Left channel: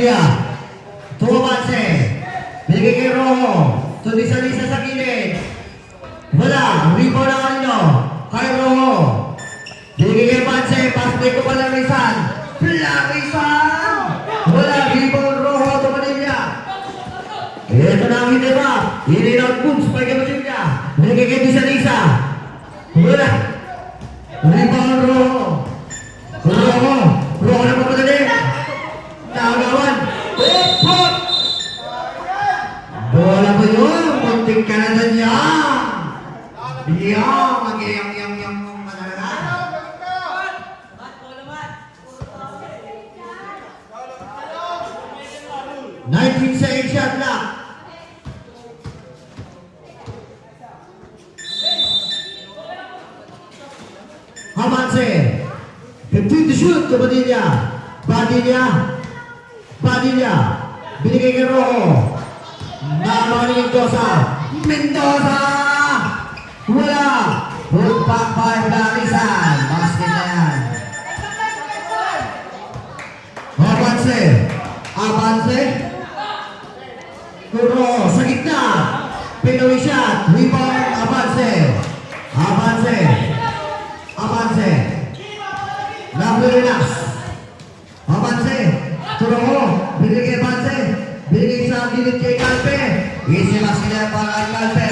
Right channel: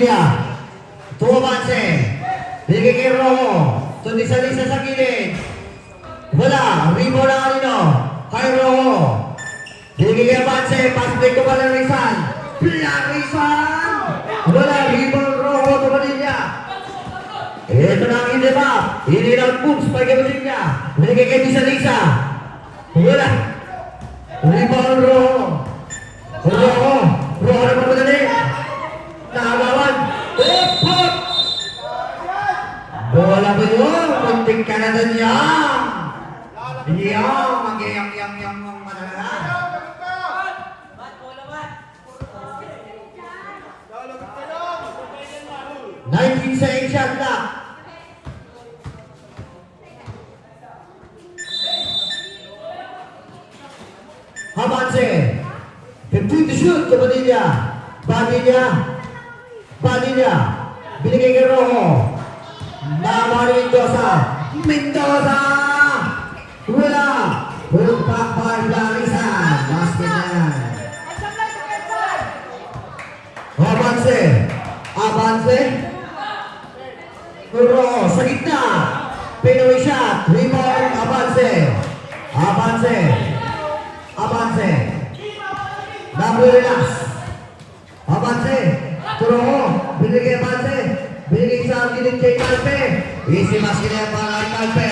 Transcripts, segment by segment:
Padilla. Tumabanse. Bigay kay Rojo. Tulisa-lisa sa gilid. Wala. Rebound na kanino. Kay Rojo. Bigay kay Banse. Pass break ko pala ng Rizal. Rizal. Wala. Rebound Rojo to Padilla. Ito na ang hindi ba? Hindi lang booms pa kay Padilla. Bigay kay Tulisa-lisa. Wala. Rebound Rojo. Rojo. Rojo na papadali. Nakagawan. Pop! Bola ba yun? Munting ka na doon yan. Yan. Mag-yam-yam-yam mong mananahan. 19 seconds shot lang. Hamanse. 15 to shoot to Padilla. Padilla. Binigay kay Rojo. Namari Mendoza. Wala. Put back by Rizal. Basket na yan. Avance. Rojo sa gitna. Pinoy shot. Rebound. Avance. Relax. Avance. Rojo. Binigay Avance. Binigay sa gilid kay Calpe. Easy basket na para kay Calpe.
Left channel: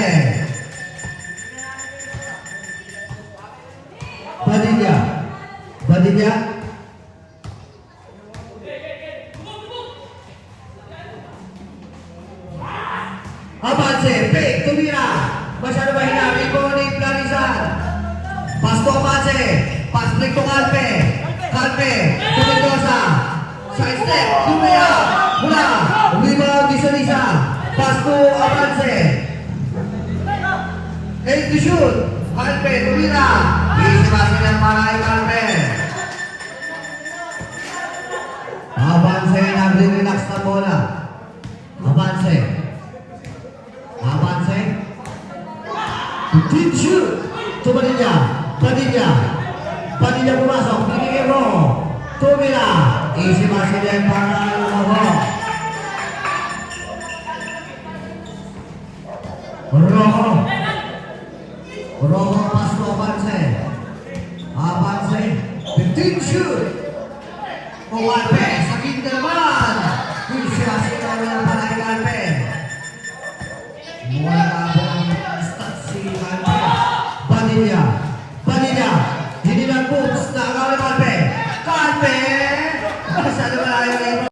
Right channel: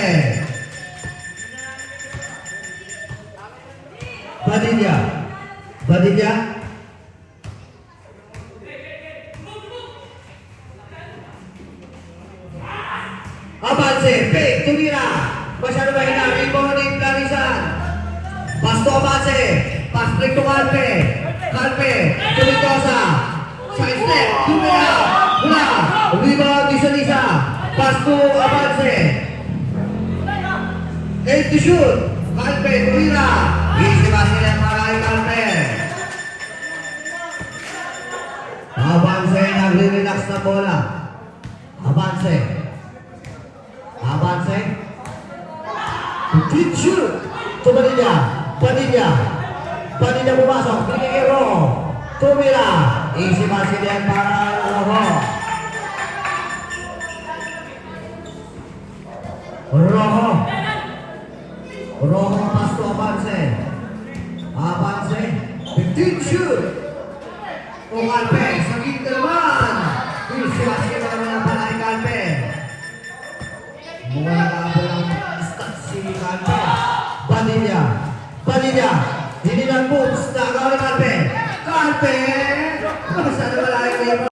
Padilla. Avance. Tumira. Masyado mahina. Rebound ni Rizal. Pass to Avance. Pass break to Calpe. Mendoza. Side step. Tumira. Wala. Rebound ni Tulisa. Pass to Avance. 8 to shoot. Calpe. Tumira. Easy basket yan para kay Calpe. Avance. Nagre-relax na bola. Avance. Deep shoot to Padilla pumasok. Binigay Rojo. Tumira. Easy basket yan para